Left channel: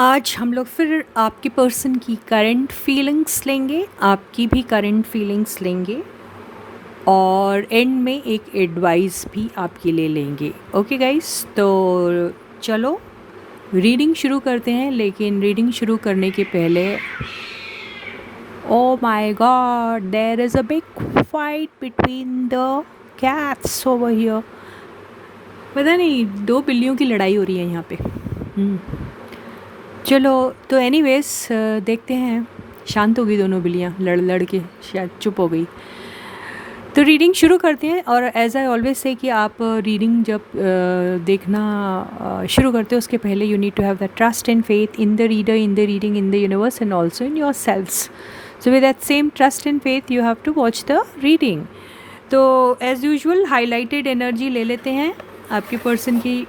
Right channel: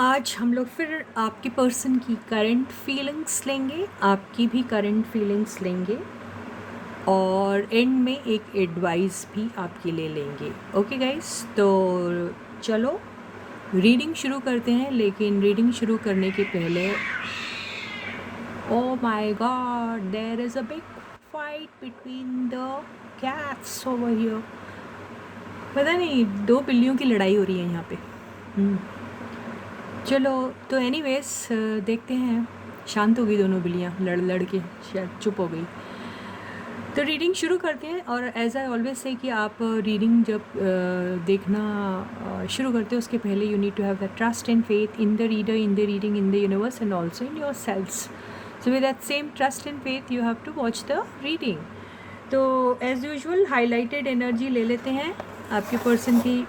आज हम लोग फिर आपकी पर्सन की करंट फीलिंग्स लेंगे, आपकी भी करंट फीलिंग्स लेंगे और एंड में एक एडवाइस भी आपके लिए लेंगे। ओके गाइस, तो चलो रीडिंग शुरू करते हैं। लेकिन रीडिंग शुरू करने के पहले, oh my God, there is a big fight between the cats over here. पता नहीं, दो बिल्लियों की लड़ाई हो रही है यहाँ पे। चलो, तो एनीवेज देखते हैं। शांत हो गई दोनों बिल्लियाँ, लड़ लड़ के शायद चुप हो गई। तो रीडिंग शुरू करते हैं। और एज आई ऑलवेज से कि आप रीडिंग जब देखना शुरू करते हो उसके पहले you need to have the trust and faith in the reader, in the reading, in the universe and also in your selves. So with that same trust and faith you have to watch the reading. तो as usual highlighted energy ले लेते हैं आपके person की।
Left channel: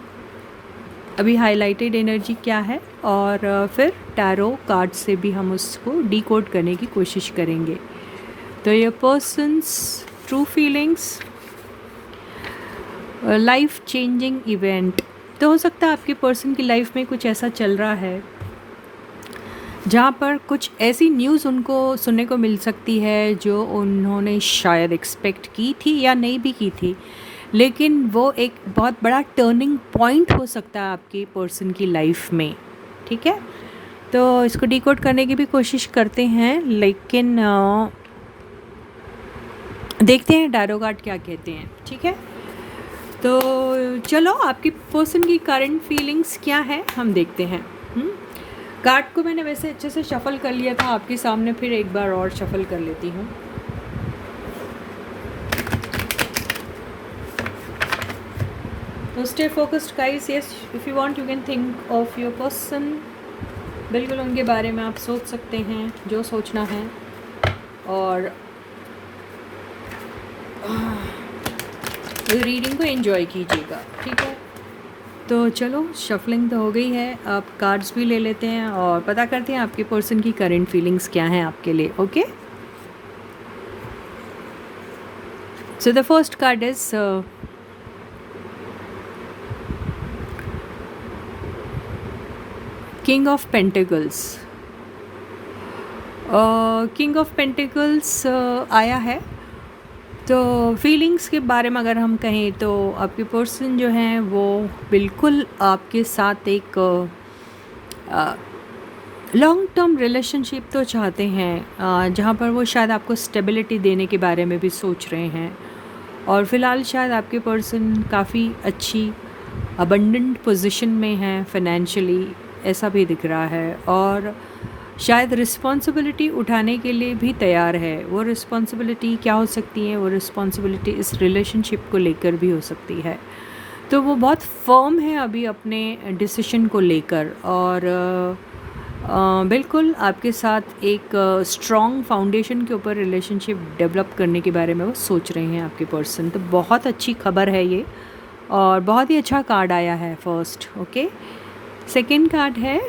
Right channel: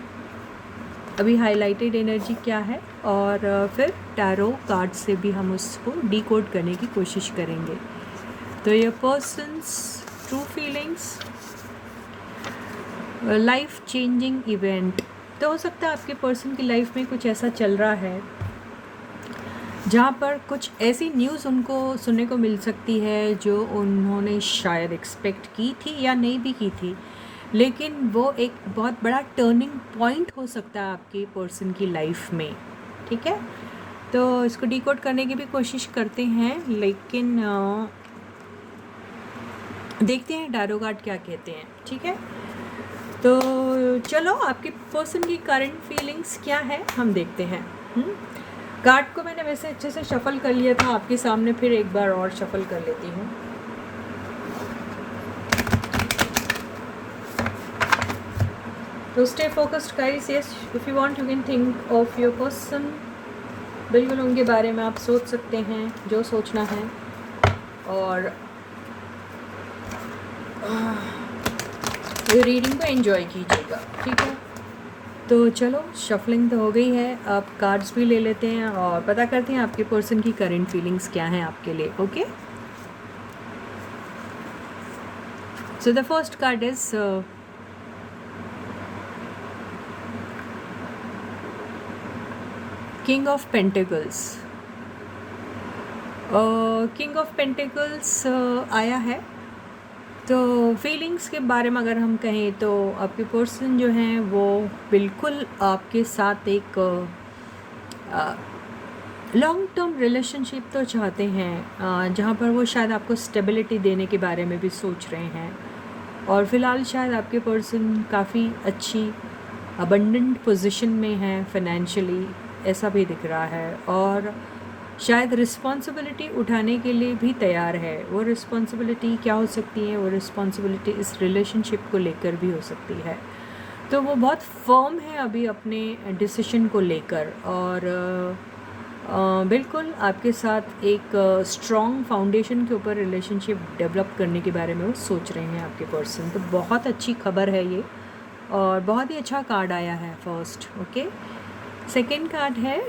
अभी highlighted energy क्या है, और फिर टैरो कार्ड से भी हम उसको डीकोड करने की कोशिश करेंगे। तो ये persons true feelings, life changing event. तो हो सकता है आपके पर्सन की लाइफ में कुछ ऐसा चल रहा है जहाँ पर कुछ ऐसी न्यूज़ उनको सुनने को मिल सकती है जो उन्होंने शायद एक्सपेक्ट की थी या नहीं भी की थी, लेकिन वो एक बहुत बड़ा टर्निंग पॉइंट हो सकता है आपके पर्सन की लाइफ में। ठीक है, तो इसको डिकोड करने की भी कोशिश करते हैं, लेकिन देखते हैं टैरो कार्ड क्या कहते हैं। ठीक है, तो चलो आपकी पर्सन की करंट फीलिंग्स क्या है हम देखते हैं। कार्ड को मैंने वैसे अच्छे से शफल कर लिया था आपके सामने, फिर एक बार और शफल कर लेती हूँ। तो stay focused guys. Yes, if you want you can think of your person. बिल्कुल उनके बारे में आप सोच सकते हैं जो सोचना है, और रीडिंग को एंजॉय कीजिएगा। ठीक है, तो चलो शफलिंग तो हो गई है, आप कार्ड्स भी ले लेते हैं और पता करते हैं आपके पर्सन की करंट फीलिंग्स क्या हैं आपके लिए। Okay, so the first card is king of pentacles. King of pentacles आया है। तो फीलिंग्स के बारे में अगर हम कहें तो आपके पर्सन जो हैं वो बिल्कुल आपके साथ एक लॉन्ग टर्म रिलेशनशिप तो चाहते हैं, जहाँ पर वो शायद आपको स्टेबिलिटी देने के बारे में भी सोच रहे हैं। और फ़िलहाल शायद आपके पर्सन काफ़ी अच्छी अबंडेंट पोजीशन में है फाइनेंशियली, ऐसा भी दिख रहा है। और शायद रिस्पॉन्सिबिलिटी उठाने के लिए भी तैयार है। वो रिस्पॉन्सिबिलिटी क्या हो सकती है? वो रिस्पॉन्सिबिलिटी इस रिलेशनशिप को लेकर भी हो सकती है। तो वो बहुत फर्म है अभी अपने डिसीजन को लेकर, और बिल्कुल आपके साथ एक स्ट्रॉन्ग फाउंडेशन के ऊपर रिलेशनशिप डेवलप करने के बारे में वो सोच रहे हैं आपके पर्सन। तो बहुत अच्छी खबर है ये, और बहुत ही अच्छा कार्ड आया है फर्स्ट। ओके, सेकेंड कार्ड है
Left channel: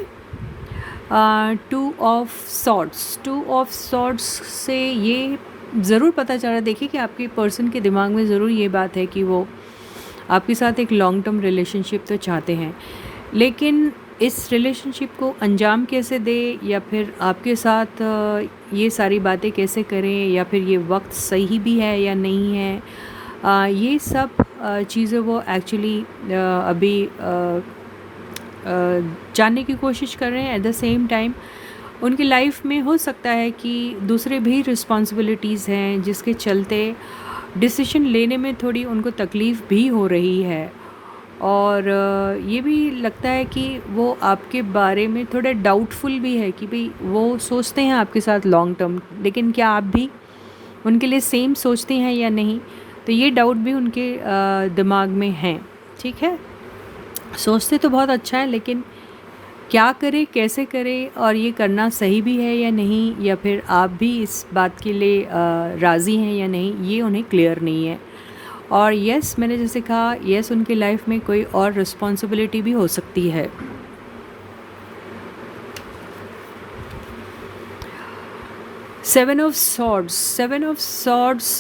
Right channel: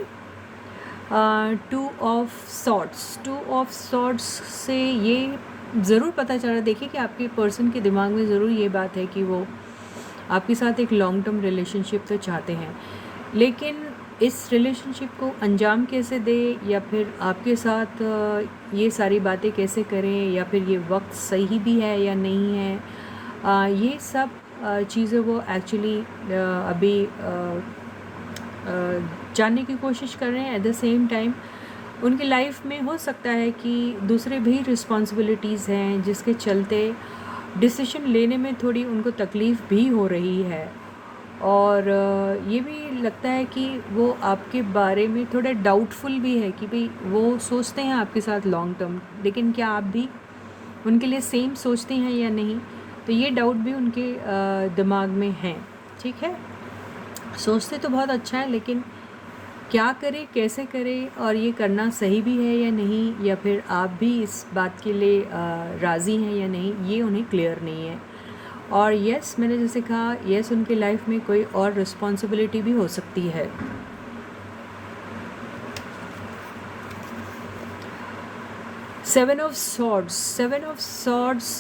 two of swords. Two of swords से ये ज़रूर पता चल रहा है, देखिए कि आपके पर्सन के दिमाग में ज़रूर ये बात है कि वो आपके साथ एक लॉन्ग टर्म रिलेशनशिप तो चाहते हैं, लेकिन इस रिलेशनशिप को अंजाम कैसे दे, या फिर आपके साथ ये सारी बातें कैसे करें, या फिर ये वक्त सही भी है या नहीं है, ये सब चीज़ें वो एक्चुअली अभी जानने की कोशिश कर रहे हैं। एट द सेम टाइम उनकी लाइफ में हो सकता है कि दूसरे भी रिस्पॉन्सिबिलिटीज़ हैं जिसके चलते डिसीजन लेने में थोड़ी उनको तकलीफ़ भी हो रही है। और ये भी लगता है कि वो आपके बारे में थोड़ा डाउटफुल भी है कि भाई वो सोचते हैं आपके साथ लॉन्ग टर्म, लेकिन क्या आप भी उनके लिए सेम सोचते हैं या नहीं। तो ये डाउट भी उनके दिमाग में है। ठीक है, सोचते तो बहुत अच्छा है, लेकिन क्या करें, कैसे करें, और ये करना सही भी है या नहीं, या फिर आप भी इस बात के लिए राज़ी हैं या नहीं, ये उन्हें क्लियर नहीं है। और यस, मैंने जैसे कहा, यस उनकी लाइफ में कोई और रिस्पॉन्सिबिलिटी भी हो सकती है। Seven of swords. Seven of swords,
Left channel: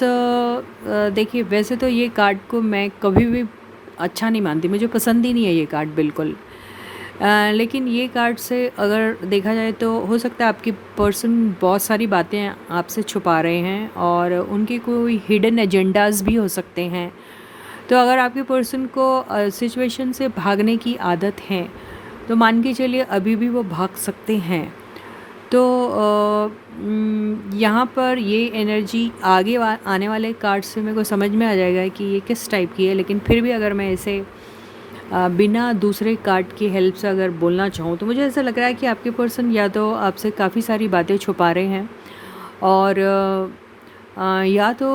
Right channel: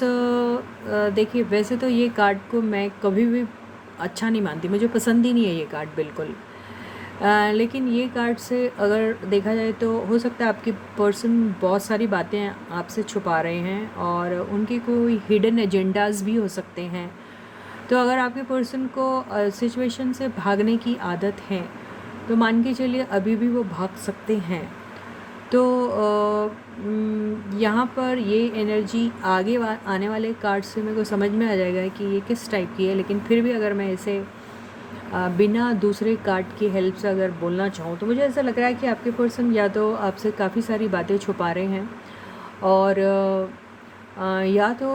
देखिए वैसे तो ये कार्ड को मैं कभी भी अच्छा नहीं मानती, मुझे पसंद ही नहीं है ये कार्ड बिल्कुल। लेकिन ये कार्ड से अगर देखा जाए तो हो सकता है आपकी पर्सन बहुत सारी बातें आपसे छुपा रहे हैं और उनके कोई हिडन एजेंडाज भी हो सकते हैं। तो अगर आपके पर्सन को सिचुएशन से भागने की आदत है तो मान के चलिए अभी भी वो भाग सकते हैं। तो यहाँ पर ये एनर्जी आगे आने वाले कार्ड से मेरे को समझ में आ जाएगा कि ये किस टाइप की है। लेकिन फिर भी अगर मैं इसे बिना दूसरे कार्ड की हेल्प से अगर बोलना चाहूँ तो मुझे ऐसा लग रहा है कि आपके पर्सन या तो आपसे काफ़ी सारी बातें छुपा रहे हैं और या तो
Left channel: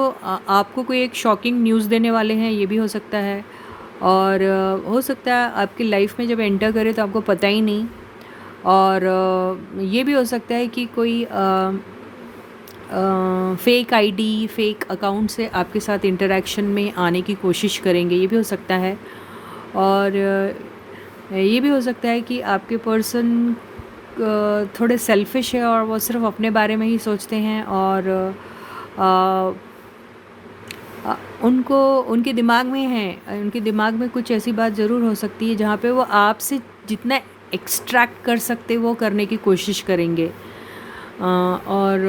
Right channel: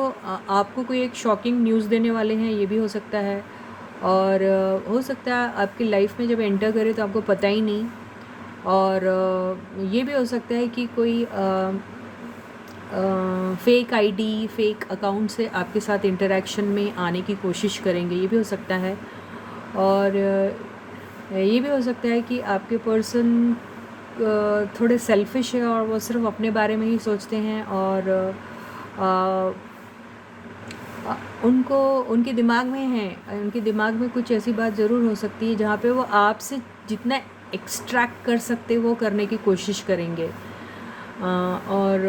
आपको कोई एक शॉकिंग न्यूज़ देने वाले हैं, ये भी हो सकता है। और हो सकता है आपकी लाइफ में जब एंटर करे तो आपको पता ही नहीं। और ये भी हो सकता है कि कोई फेक आईडी, फेक अकाउंट से आपके साथ इंटरेक्शन में आने की कोशिश करेंगे, ये भी हो सकता है। और ये भी हो सकता है कि आपके पर्सन थोड़े सेल्फिश है और वो सिर्फ अपने बारे में ही सोचते हैं और उनको उनके दिमाग में है, उनके दिमाग में कुछ ऐसी बात ज़रूर हो सकती है जहाँ पे वो आपसे जितना एक्सट्रैक्ट कर सकते वो करने की कोशिश करेंगे। और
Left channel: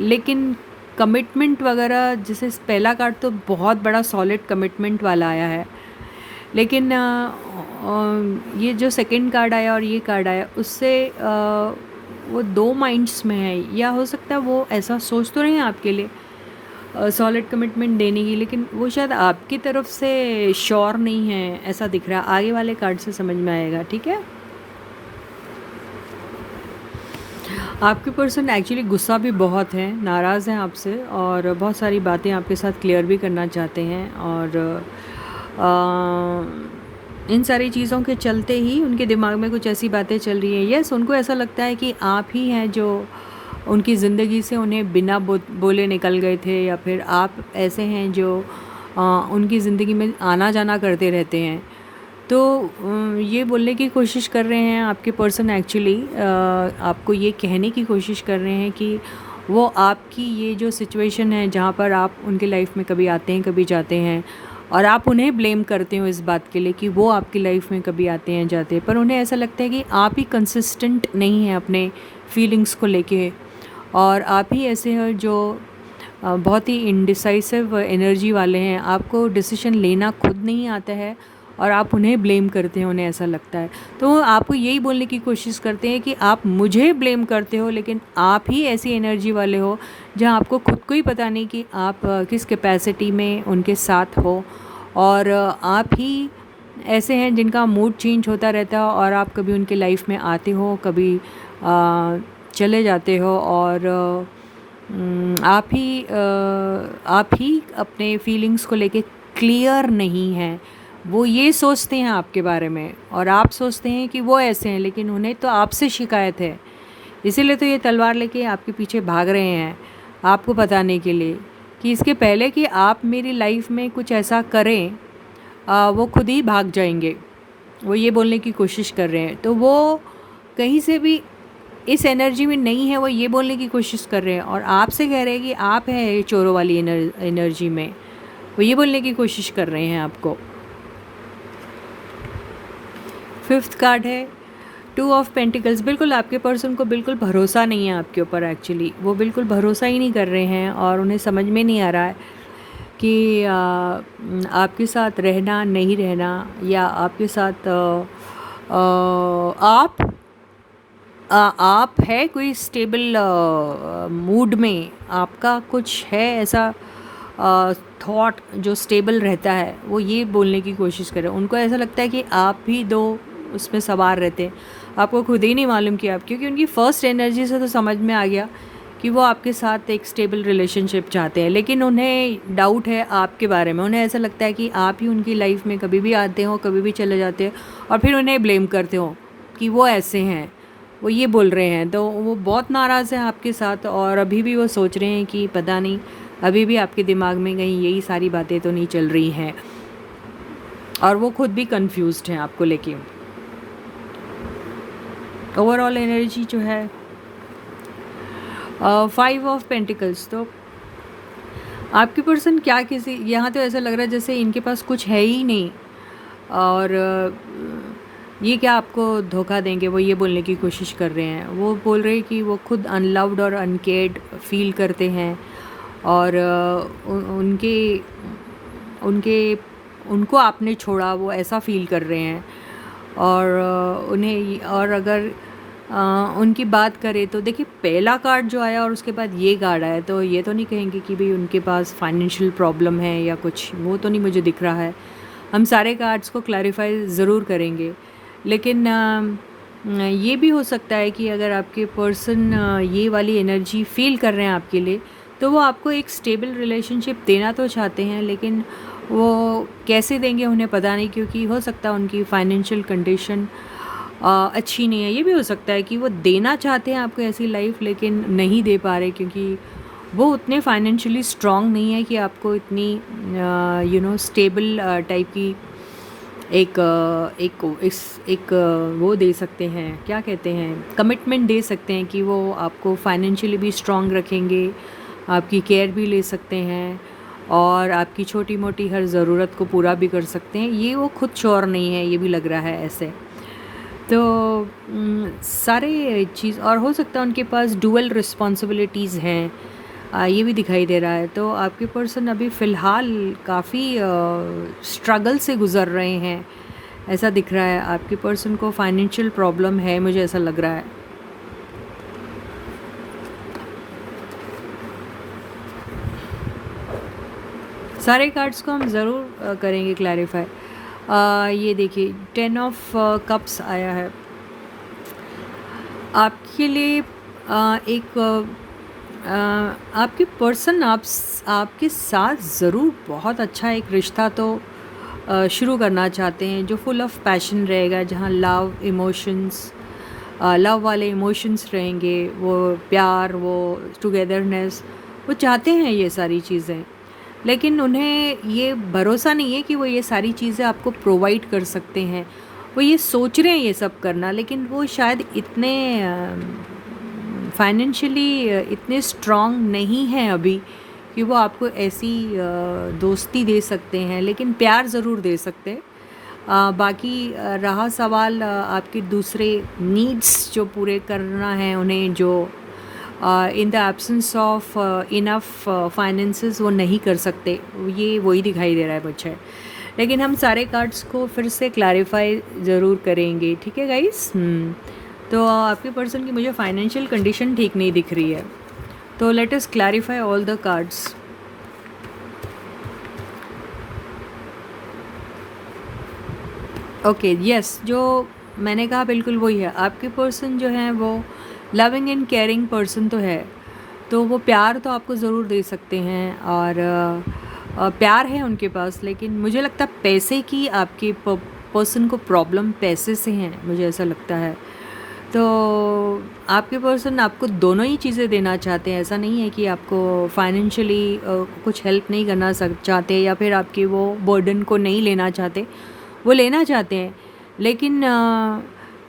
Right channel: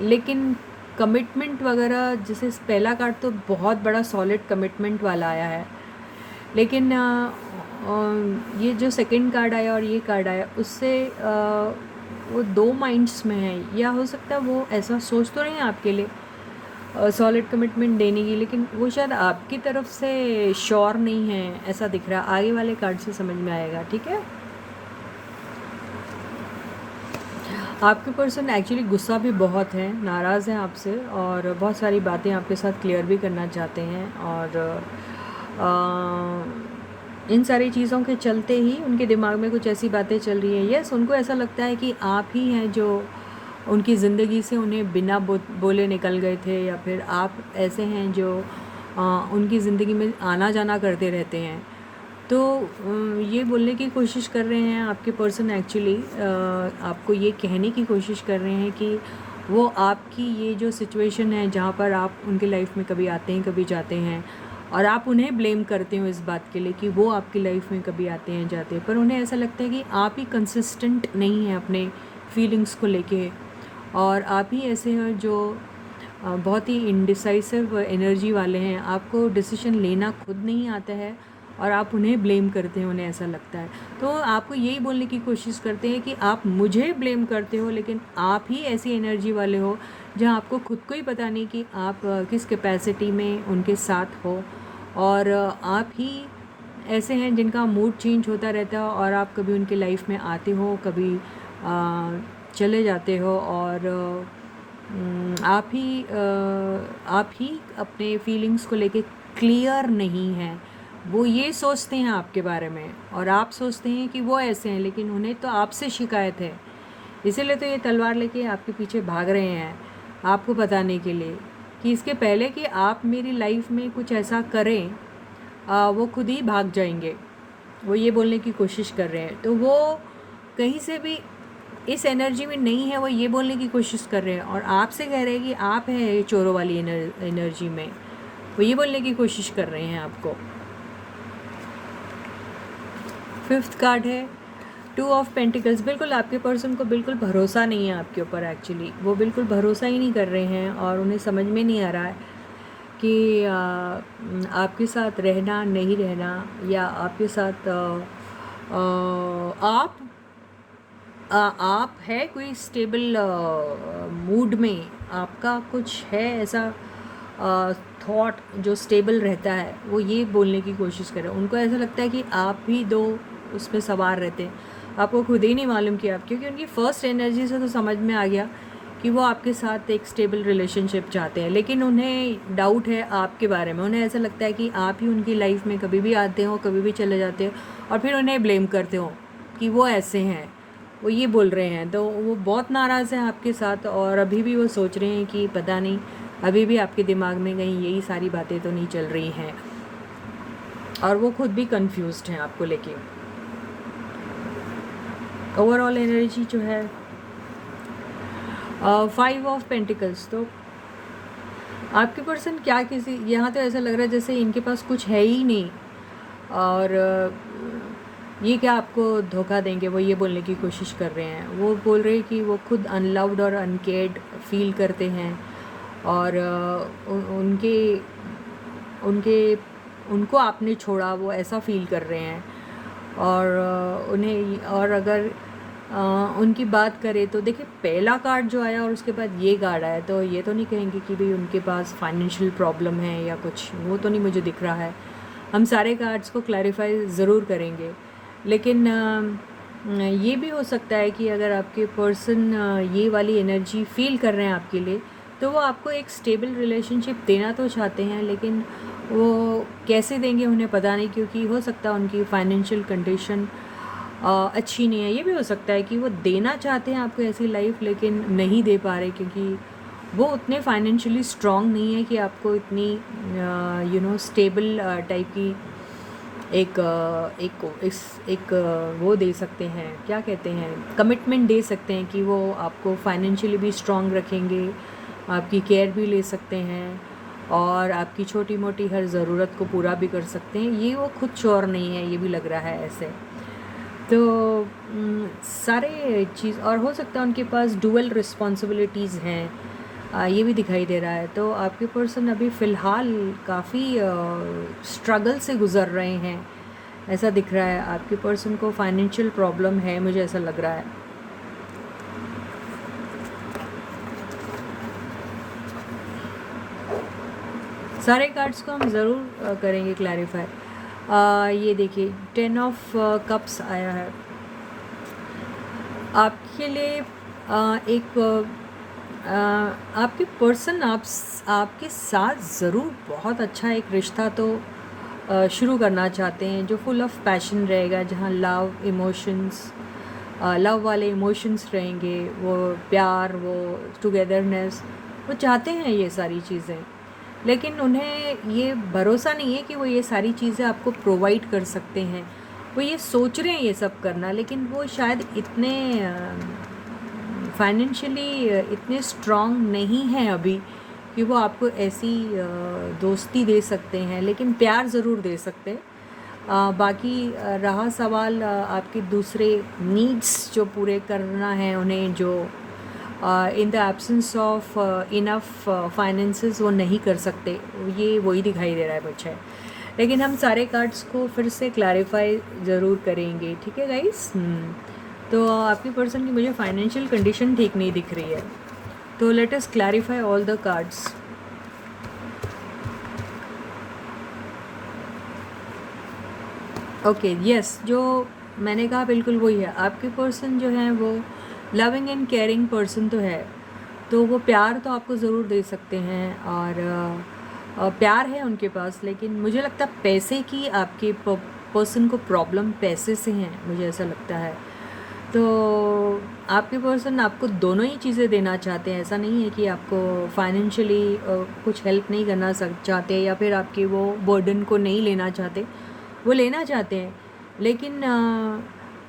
लेकिन कमिटमेंट वगैरह, जैसे पहला कार्ड तो बहुत बड़ा सॉलिड कमिटमेंट वाला आया है, लेकिन ये जो सेकंड कार्ड आया और ये कार्ड आया उससे वो दो माइंड्स में है। या हो सकता है वो ऐसा सोच तो रहे हैं आपके लिए सॉलिड कमिटमेंट देने की, लेकिन वो शायद आपकी तरफ से श्योर नहीं है, ऐसा दिख रहा है। आगे वाले कार्ड से समझ में आएगा, ठीक है। आपके पर्सन एक्चुअली गुस्सा भी बहुत है, नाराज़ हैं आपसे और बहुत सारी बातें आपके साथ क्लियर भी करना चाहते हैं। और इन सारी चीज़ों के चलते ही उनके दिमाग में कुछ ऐसी बातें चल रही हैं। यस, उनको ऐसा लगता है कि आप ही हैं जो उनकी ज़िंदगी से उन्हें बिना बोले निकल गए थे, या फिर आप ऐसे हैं जो उनकी ज़िंदगी में आना जाना करते रहते हैं। तो ये बोलने की कोशिश कर रहे हैं आपके पर्सन एक्चुअली, आपको ये कहने की कोशिश कर रहे हैं कि वो आपकी ये जो सिचुएशन है जहाँ पर आप उनकी लाइफ में कभी आते हैं कभी जाते हैं और आप उन्हें ब्लेम करते हो इस बात के लिए कि वो आपकी लाइफ में कभी आते हैं जाते हैं, पर उन्हें ऐसा लगता है कि आप ही कंसिस्टेंट नहीं हैं अपने फीलिंग्स को लेके, और आप ही ऐसे हैं जो बहुत ही इंडिसाइसिव एनर्जी वाले हैं। आपको डिसीजन लेना खुद नहीं आता है और आप उन्हें ब्लेम करते हैं, उन्हें ऐसा लगता है। तो वो आपको यही बोलने की कोशिश करते हैं कि आप मुझे ब्लेम करते हो, लेकिन आप ही ऐसी एनर्जी वाले हो जहाँ आपको खुद को ही पता नहीं कि आप किस कैपेसिटी में उनके साथ हो। और आप ही ऐसे हैं जिनका मूड चेंज होता रहता है और आप कभी उनकी लाइफ में आते हो, कभी चले जाते हो। और आप ही अपने फीलिंग्स को लेके क्लियर नहीं हैं। वो ये सोचते हैं आपके बारे में और आप सोचते हैं कि वो ऐसे हैं, लेकिन उन्हें तो आपसे शिकायत है। इसीलिए तो ये तलवार लेके आपके पीछे भाग रहे हैं, आपको बताने के लिए कि इसके पहले कि आप मेरी लाइफ में कुछ ऐसा करें वो खुद ही भाग जाएंगे। वो ये बोलने की कोशिश कर रहे हैं। तो वो कहीं से भी इस एनर्जी में नहीं है, वो ये बोलने की कोशिश कर रहे हैं और आपसे कह रहे हैं कि आप हैं चोरों वाली एनर्जी में। वो ये बोलने की कोशिश कर रहे हैं आपको। फिफ्थ कार्ड है 2 ऑफ पेंटिकल्स। बिल्कुल आपके पर्सन को बिल्कुल भरोसा नहीं है आपके ऊपर, एक्चुअली वो बिल्कुल भरोसा ही नहीं कर रहे हैं और उन्हें समझ में नहीं आ रहा है कि आपके साथ रहना नहीं रहना, या आपके साथ आप है कोई स्टेबल मूड में, आपका कुछ है ऐसा थॉट जो स्टेबल रहता है। वो ये बोलने की कोशिश करें। उनको ऐसा लगता है कि आप भी दो उसमें सवार रहते हैं, आपको खुद ही नहीं मालूम कि आप, क्योंकि उनकी फ़र्स्ट एनर्जी से तो समझ में आ गया कि वो आपके साथ एक स्टेबल रिलेशनशिप चाहते हैं, लेकिन उन्हें डाउट है आपके बारे में। उन्हें ऐसा लगता है कि आप ही उनकी लाइफ में कभी भी आते हो, कभी भी चले जाते हो और फिर उन्हें ब्लेम करते हो कि वो ऐसे हैं। वो ये बोल रहे हैं, तो वो बहुत नाराज़ हैं आपके साथ और अभी भी वो सोच रहे हैं कि पता नहीं अभी भी आपके दिमाग में कहीं यही सारी बातें तो नहीं चल रही हैं, और वो खुद भी कंफ्यूज्ड हैं आपको लेके। ओवरऑल एनर्जी जो है 5 ऑफ पेंटिकल्स। तो आपके पर्सन क्या किसी, यहाँ तो ऐसा लग रहा है जैसे इनके पास कुछ है ही नहीं और ये क्या आपको धोखा देंगे, वो ये बोलने की कोशिश कर रहे हैं। वो बोल रहे हैं कि वो खुद अनलव्ड और अनकेयर्ड फील करते हैं और उनके उनके उनको आपने छोड़ा वो ऐसा फ़ील कर रहे हैं। और उन्हें और अगर उनकी बात करें तो देखिए पहला कार्ड जो आया और उसके बाद ये कार्ड आया, तो ये तो नहीं कहेंगे कि भाई उनके पास फाइनेंशियल प्रॉब्लम है या कुछ, वो तो नहीं मुझे दिख रहा है। हम सारे कार्ड्स को क्लैरिफाई ज़रूर करेंगे, लेकिन ये भी हो सकता है कि अगर आपके पर्सन ये वाली एनर्जी फील कर रहे हैं आपके लिए, तो वो आपको एक स्टेबल रिलेशनशिप देना तो चाहते हैं, लेकिन वो कैसे देंगे उन्हें पता नहीं, क्योंकि हो सकता है उनकी फाइनेंशियल कंडीशन अच्छी नहीं है। ये भी हो सकता है कि वो देना चाहते हैं आपको ऐसी लाइफ, लेकिन नहीं दे पा रहे क्योंकि वो उतने फाइनेंशियली स्ट्रॉन्ग नहीं है कि आपको इतनी स्टेबल टाइप की एक वो दे सकते हैं, क्या कहते हैं, कमिटमेंट दे सकते हैं कि वो आपको फाइनेंशियली भी स्ट्रॉन्ग रखेंगे, आपकी केयर भी ले सकते हैं और आपकी छोटी मोटी हर ज़रूरत को पूरा भी कर सकते हैं। ये वो खुद श्योर नहीं है, ये भी लग रहा है ऐसे। तो सारे चीज़, और हो सकता है उनके पास डुअल रिस्पॉन्सिबिलिटीज़ हैं, ये भी दिखाई दे रहा है। तो आपके पर्सन अभी फ़िलहाल काफ़ी स्ट्रगल से गुज़र रहे हैं, ऐसा दिख रहा है। आपके पर्सन को फाइनेंशियल प्रॉब्लम है, मुझे ऐसा लग रहा है। सारे कार्ड्स को हम ज़रूर करेंगे क्लैरिफाई। ये देखिए 10 ऑफ कप्स आया है आपके लिए। एक आपके पर्सन आपके साथ ज़रूर बहुत अच्छा एक रिश्ता तो शुरू करना चाहते हैं, जो फुल ऑफ पैशन रहेगा, जहाँ लव वाले इमोशंस रहेंगे, वो प्यार, वो टुगेदरनेस, वो चाहते हैं ये सारी चीज़ें। लेकिन उन्हें ये भरोसा नहीं है कि वो ये सारी चीज़ें आपको प्रोवाइड कर सकते हैं। वो ये सोच रहे हैं ये सब करना, लेकिन वो शायद इतने फाइनेंशियली इतने स्ट्रॉन्ग नहीं हैं अभी कि वो आपको ऐसी दोस्ती दे सकते हैं, लेकिन प्यार ज़रूर दे सकते हैं। बाकी रहा सवाल आपके दूसरे नीड्स जो पूरे करना है उन्हें, जो in the absence of enough finances वो नहीं कर सकते, ये वही दिखाई दे रहा है मुझे। लेकिन हम सारे कार्ड्स को फिर से क्लैरिफाई ज़रूर करेंगे, ठीक है गाइस। तो आपके पर्सन की मुझे फाइनेंशियल कंडीशन ठीक नहीं दिख रही है, तो let us clarify all the cards. Okay yes, जो मैंने कहा बिल्कुल वही है। आपके पर्सन जो है वो लविंग एंड केयरिंग पर्सन तो है, तो वो प्यार तो आपको ज़रूर दे सकते हैं, और प्यार है उनके पास, लेकिन मुझे लगता है पैसे की आपके पर्सन को प्रॉब्लम पैसे से हैं, मुझे ऐसा लगता है। तो आपके पर्सन आपको दोनों ही चीज़ें देना चाहते हैं, ऐसा नहीं है कि आपको फाइनेंशियली कुछ हेल्प नहीं करना चाहते, या फिर आपके वो बर्डन को नहीं लेना चाहते, वो लेना चाहते हैं। लेकिन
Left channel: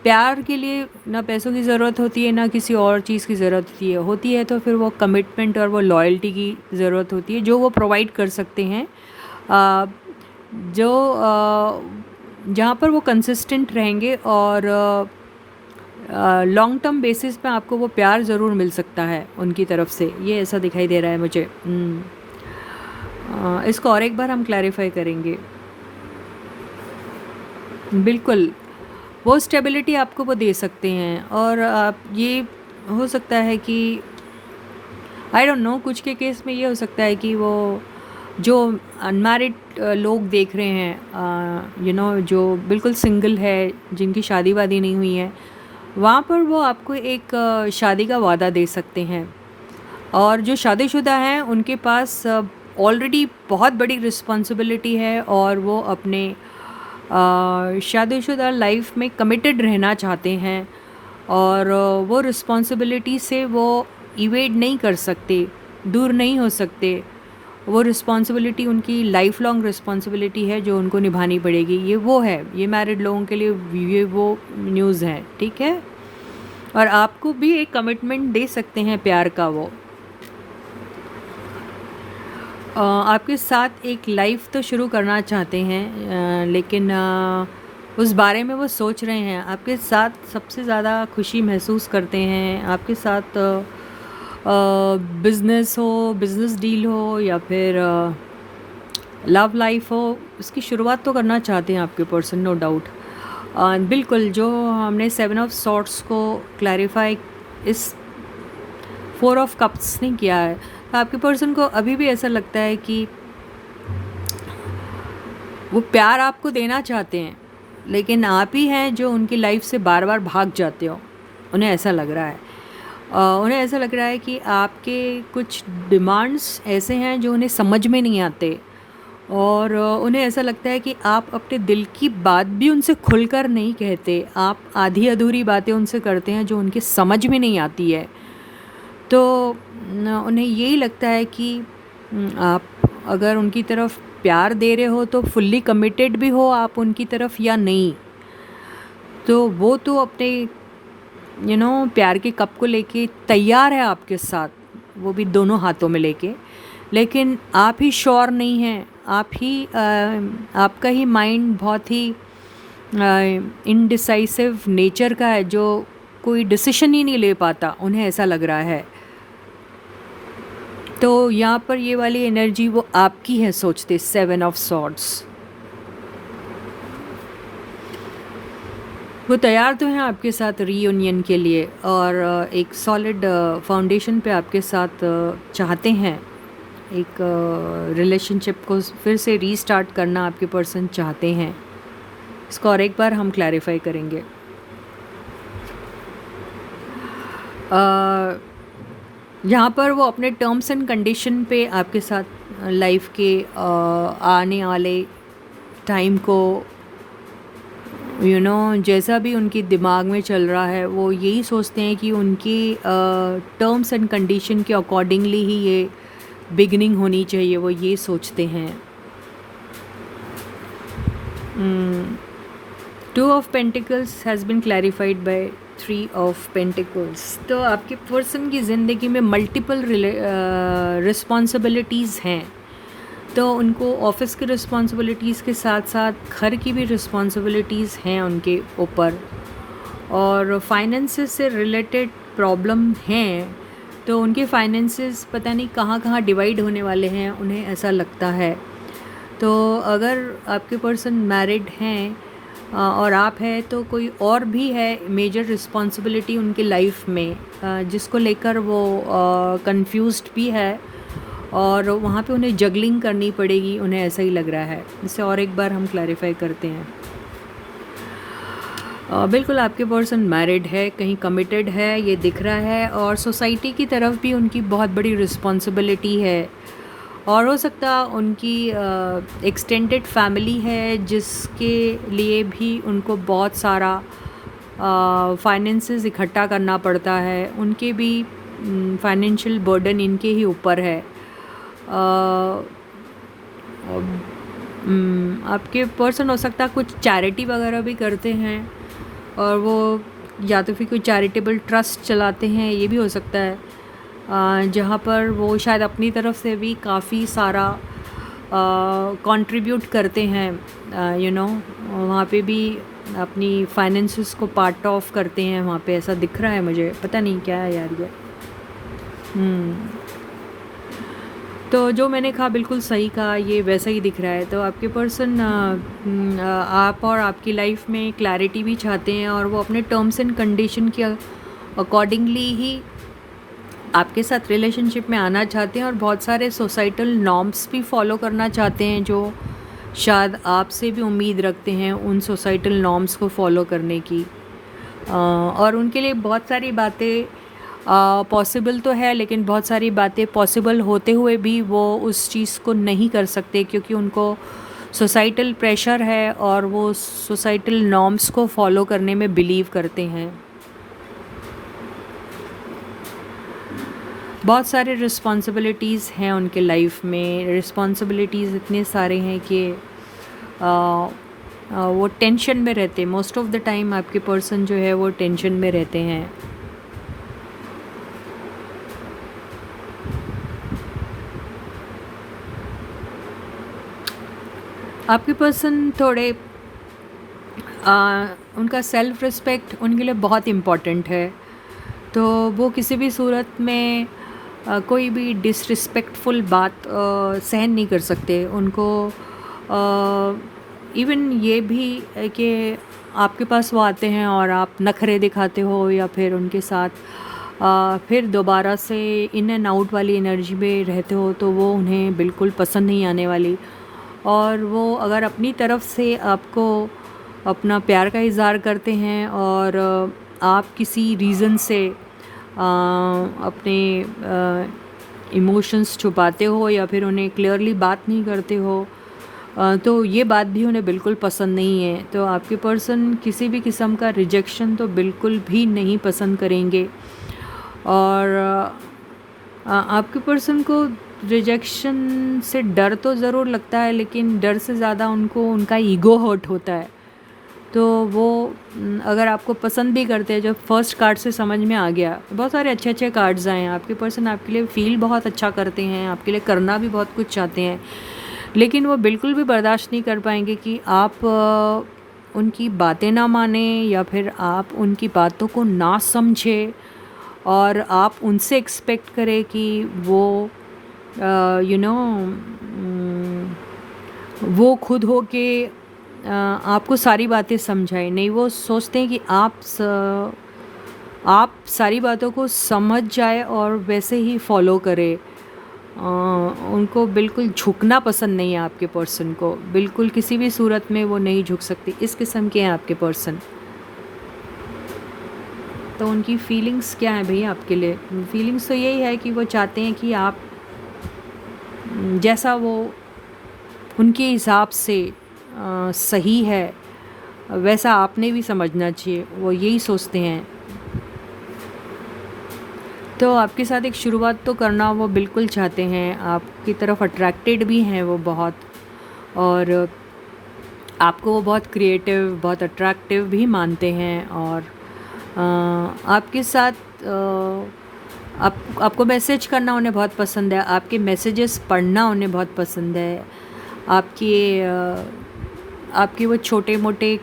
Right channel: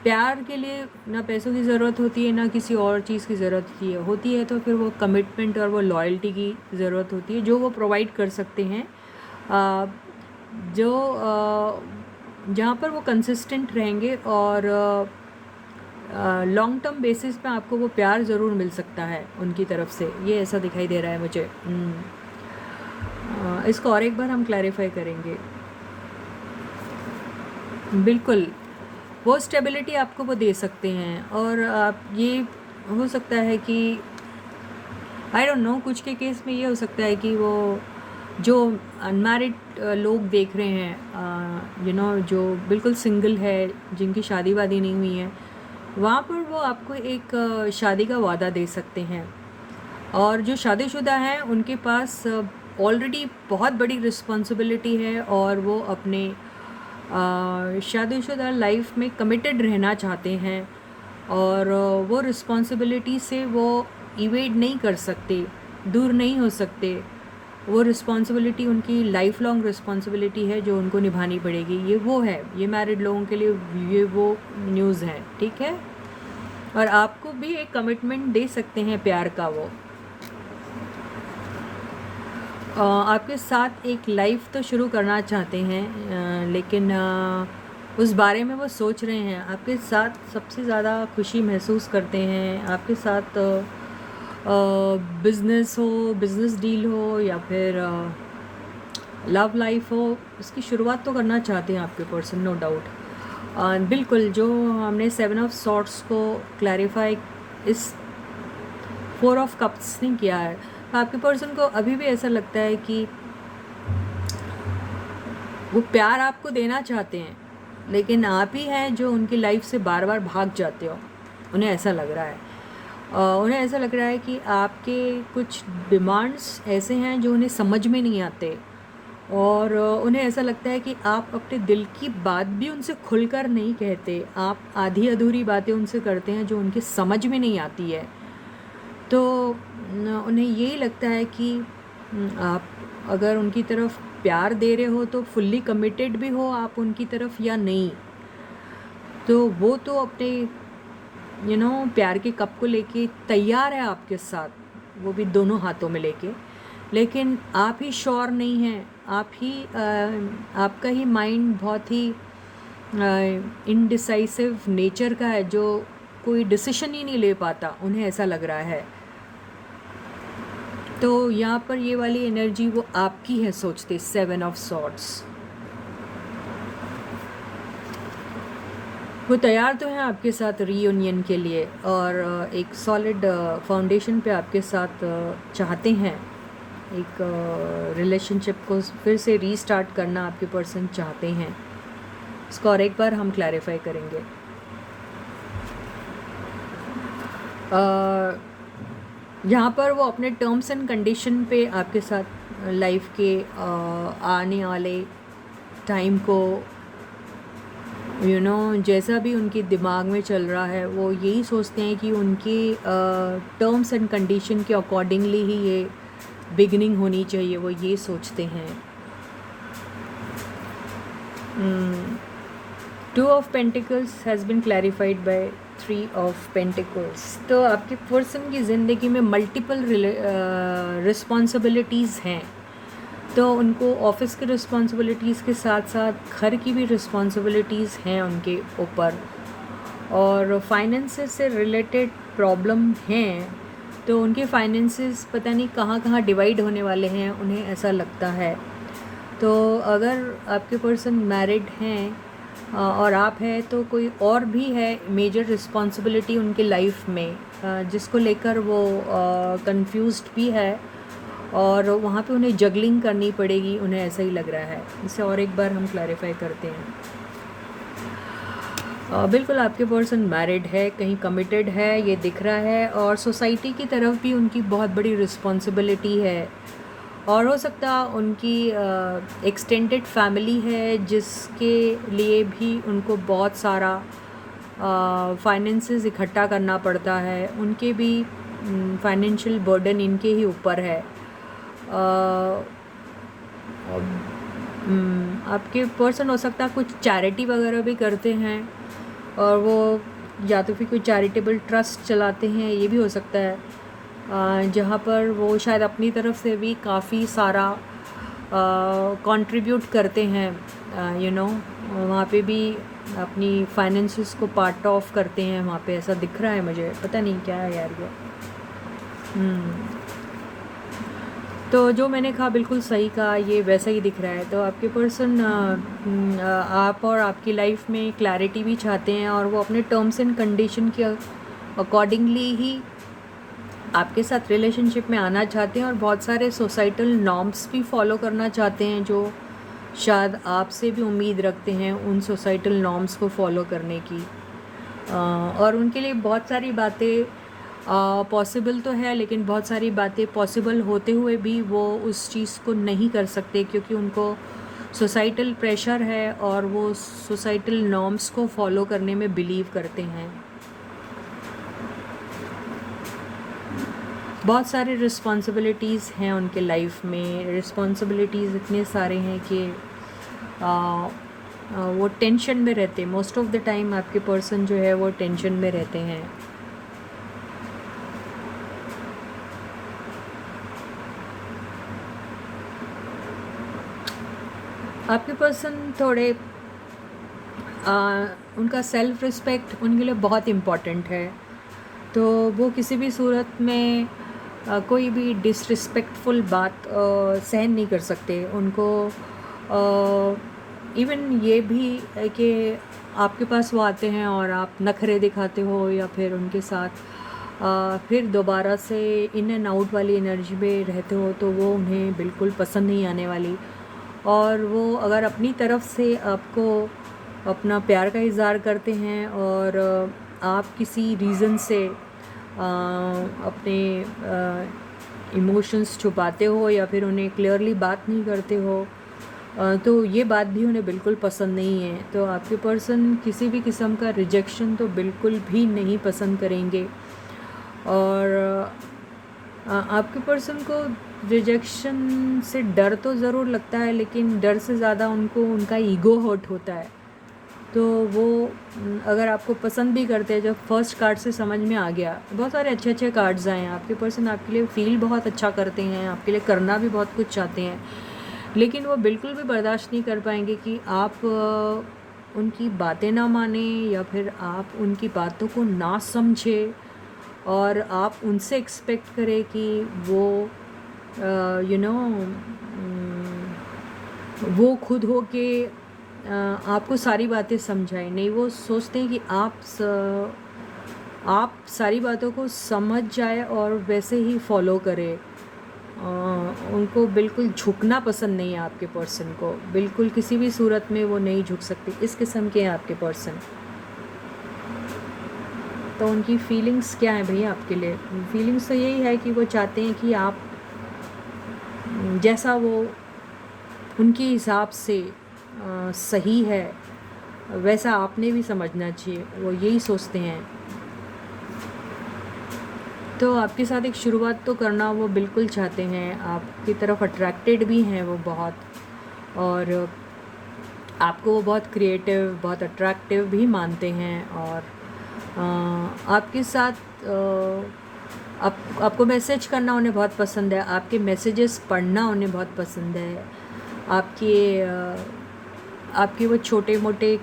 प्यार के लिए ना पैसों की ज़रूरत होती है, ना किसी और चीज़ की ज़रूरत होती है, तो फिर वो कमिटमेंट और वो लॉयल्टी की ज़रूरत होती है, जो वो प्रोवाइड कर सकते हैं, जो जहाँ पर वो कंसिस्टेंट रहेंगे, और लॉन्ग टर्म बेसिस पे आपको वो प्यार ज़रूर मिल सकता है उनकी तरफ से, ये ऐसा दिखाई दे रहा है मुझे। इसको और एक बार हम क्लैरिफाई करेंगे। बिल्कुल, वो स्टेबिलिटी आपको वो दे सकते हैं, और आप ये हो सकता है कि आई डोंट नो, कुछ के केस में ये हो सकता है कि वो जो अनमैरिड लोग देख रहे हैं, जो बिल्कुल सिंगल है, जिनकी शादी वादी नहीं हुई है, वहाँ पर वो आपको एक शादी का वादा दे सकते हैं। और जो शादीशुदा हैं उनके पास ऑलरेडी बहुत बड़ी रिस्पॉन्सिबिलिटी है, और वो अपने शादीशुदा लाइफ में कमिटेड रहना चाहते हैं, और वो रिस्पॉन्सिबिलिटी से वो इवेड नहीं कर सकते, दूर नहीं हो सकते। वो रिस्पॉन्सिबिलिटी उनकी लाइफ लॉन्ग रिस्पॉन्सिबिलिटी है, जो उनको निभानी पड़ेगी। ये वो है, ये मैरिड लोगों के लिए ये वो न्यूज़ है, ठीक है। और आपको भी एक कमिटमेंट दे सकते हैं प्यार का वो, आपके साथ एक लाइफ तो शुरू करना चाहते हैं, लेकिन उस बारे में वो सोच रहे हैं, आपके साथ सबसे ज़्यादा खुशी महसूस करते हैं, आपके साथ बिज़नेस हो, बिज़नेस डील हो या फिर लव लाइफ हो, उसकी शुरुआत तो करना चाहते हैं आपके पर्सन, नो डाउट। बिल्कुल, जो हमने 7 ऑफ सॉर्ट्स को क्लैरिफाई इस 4 ऑफ कप्स ने किया है, तो आपके पर्सन को अभी भी ऐसा लगता है कि वो प्यार आपको देना चाहते हैं, लेकिन आप ही हैं जो उनकी लाइफ से बार बार भाग जाते हो। उन्हें ऐसा लग रहा है, उन्हें ऐसा लग रहा है कि आपके कुछ डिमांड्स ऐसे हैं जो उन्हें समझ में नहीं आते, और उन्हें ऐसा लगता है कि आप अपने दिल की बात भी उनसे खुलकर नहीं कहते, आप आधी अधूरी बातें उनसे करते हैं जो उनकी समझ में नहीं आती है। तो उन्हें यही लगता है कि आप अगर उनकी तरफ प्यार दे रहे हो तो फुल्ली कमिटेड भी हो आप उनकी तरफ या नहीं। तो वो तो अपने प्यार के कप को लेके तैयार है आपके साथ, वो भी दोनों हाथों में लेके, लेकिन आप ही श्योर नहीं हैं, आपका ही माइंड बहुत ही इनडिसाइसिव नेचर का है, जो कोई डिसीजन ही नहीं ले पाता, उन्हें ऐसा लग रहा है। तो यहाँ पर ये वाली एनर्जी वो आपकी है सोचते, 7 ऑफ सॉर्ड्स। वो तैयार तो हैं आपके साथ रीयूनियन के लिए, और एक सॉलिड फाउंडेशन पे आपके साथ चाहते हैं, एक रिलेशनशिप को फिर से रीस्टार्ट करना आपके पर्सन चाहते हैं। इसको और एक बार हम क्लैरिफाई करेंगे। यहाँ पर वो अपने टर्म्स एंड कंडीशन पे आपके साथ लाइफ के आने वाले टाइम को जैसा भी उनके दिमाग में चल रहा है, वो यही सोचते हैं कि उनकी टर्म्स एंड कंडीशन के अकॉर्डिंगली ही ये बिगनिंग होनी चाहिए, वो ये सोचते हैं। 2 of pentacles has been clarified by 3 of pentacles. तो आपके पर्सन की ज़िंदगी में मल्टीपल रिस्पॉन्सिबिलिटीज़ हैं, तो उनको ऑफिस की रिस्पॉन्सिबिलिटीज़ के साथ साथ घर की भी रिस्पॉन्सिबिलिटीज़ हैं उनके ऊपर, और फाइनेंसेस से रिलेटेड प्रॉब्लम हैं, तो उनके फाइनेंसेस पता नहीं कहाँ कहाँ डिवाइड होने वाले हैं, उन्हें ऐसा लगता है। तो अगर आपके पर्सन मैरिड हैं और आप हैं, तो कोई और भी है मेजर रिस्पॉन्सिबिलिटी उनकी लाइफ में, जिसको लेकर वो कंफ्यूज्ड भी है, और वहाँ पे उन्हें जगलिंग करनी पड़ेगी, उन्हें ऐसा ही लग रहा है। इसे और एक बार हम क्लैरिफाई करते हैं। बिल्कुल आपके पर्सन मैरिड है, कहीं कमिटेड है, ये दिख रहा है, और सोसाइटी की तरफ भी उनकी बहुत बड़ी रिस्पॉन्सिबिलिटी है, और हो सकता उनकी एक्सटेंडेड फैमिली है जिसके लिए भी उनको बहुत सारा फाइनेंसेस इकट्ठा करना पड़ता है, उनके भी फाइनेंशियल बर्डन इनके ही ऊपर है। आपके पर्सन हो सकता कुछ चैरिटी वगैरह भी करते हैं, और वो या तो फिर कोई चैरिटेबल ट्रस्ट चलाते हैं, ये भी हो सकता है, जहाँ पर वो शायद अपनी तरफ से भी काफ़ी सारा कंट्रीब्यूट करते हैं, वहाँ पे भी अपनी फाइनेंसेस को पार्ट ऑफ करते हैं, वहाँ पे ऐसा दिख रहा है मुझे, पता नहीं क्या है यार ये। तो जो मैंने कहा बिल्कुल सही कहा, ये वैसा ही दिख रहा है। तो आपके पर्सन आप और आपकी लाइफ में क्लैरिटी भी चाहते हैं, और वो अपने टर्म्स एंड कंडीशन के अकॉर्डिंगली ही आपके साथ रिलेशनशिप में आना चाहते हैं, और बहुत सारे सोसाइटल नॉर्म्स भी फॉलो करना चाहते हैं, जो शायद आपसे भी उम्मीद रखते हैं उन सोसाइटल नॉर्म्स को फॉलो करने की। और उनके लिए बहुत सारी बातें पॉसिबल तो है, लेकिन बहुत सारी बातें पॉसिबल होते हुए भी वो उस चीज़ को नहीं कर सकते, क्योंकि उनको सोसाइटल प्रेशर है, और वो सोसाइटल नॉर्म्स को फॉलो करने में बिलीव करते हैं। बहुत सारे रिस्पॉन्सिबिलिटीज़ हैं उनके लाइफ में, रिस्पॉन्सिबिलिटीज़ इतने सारे हैं कि वो टेंशन में रहते हैं। मोस्ट ऑफ द टाइम आपके पर्सन जो है वो टेंशन में रहते हैं। आपके पर्सन थोड़े उनका सेल्फ़ रिस्पेक्ट उनके लिए बहुत इम्पॉर्टेंट है। तो वो किसी भी सूरत में कोई भी डिसरिस्पेक्टफुल बात सहन नहीं कर सकते। उनको इवन ये भी है कि आपके पास वो आते हैं और आप नखरे दिखाते हो या फिर उनके साथ फिर दोबारा से इन एंड आउट वाली एनर्जी में रहते हो, तो वो उन्हें बिल्कुल पसंद नहीं आने वाली। और वो अगर अपनी तरफ से आपको अपना प्यार का इज़हार करते हैं और आप किसी रीज़न से अपने इमोशंस छुपाते हो या फिर उन्हें क्लियरली बात नहीं करते हो, तो ये बात भी उन्हें बिल्कुल पसंद नहीं है। तो आपके पर्सन किसी भी किस्म का रिजेक्शन तो बिल्कुल भी नहीं पसंद करेंगे। और आपके पर्सन को रिजेक्शन से डर तो ज़रूर लगता है, लेकिन डर से ज़्यादा उनको उनका ईगो हर्ट होता है। तो वो अगर आपको पसंद भी करते हैं, जो फर्स्ट कार्ड से समझ में आ गया, बहुत सारे अच्छे अच्छे कार्ड्स आए हैं। आपके पर्सन आपके लिए फ़ील बहुत अच्छा करते हैं, आपके लिए करना भी बहुत कुछ चाहते हैं, लेकिन वो बिल्कुल भी बर्दाश्त नहीं कर पाएंगे कि आप उनकी बातें ना माने या फिर आप उनकी बातों को ना समझे और आप उनसे एक्सपेक्ट करें कि वो यू नो वो खुद हो के आपको सारी बातें समझाएं। नहीं, वो सोचते हैं कि आप सारी बातों को समझ जाए और वैसे ही फॉलो करें। उनको बिल्कुल झुकना पसंद नहीं है। आपके पर्सन को बिल्कुल किसी भी सूरत में वो नहीं झुक सकती। इस किस्म के हैं आपके पर्सन। तो उनकी फीलिंग्स क्या है भैया आपके लिए? फीलिंग्स तो यही है कि वो चाहते हैं कि आप जैसा वो उनके हिसाब से सही है वैसा आपने भी समझना चाहिए, वो यही सोचते हैं। तो आपके साथ एक शुरुआत तो करना वो बिल्कुल चाहते हैं, आपकी तरफ अट्रैक्टेड भी हैं वो बहुत, और आपको वो बहुत क्रिएटिव, बहुत अट्रैक्टिव भी मानते हैं। और आपके साथ आपको मैसेज करना उन्हें बहुत पसंद है, आपके मैसेजेस पढ़ना उन्हें बहुत पसंद है। आपके वो छोटे मोटे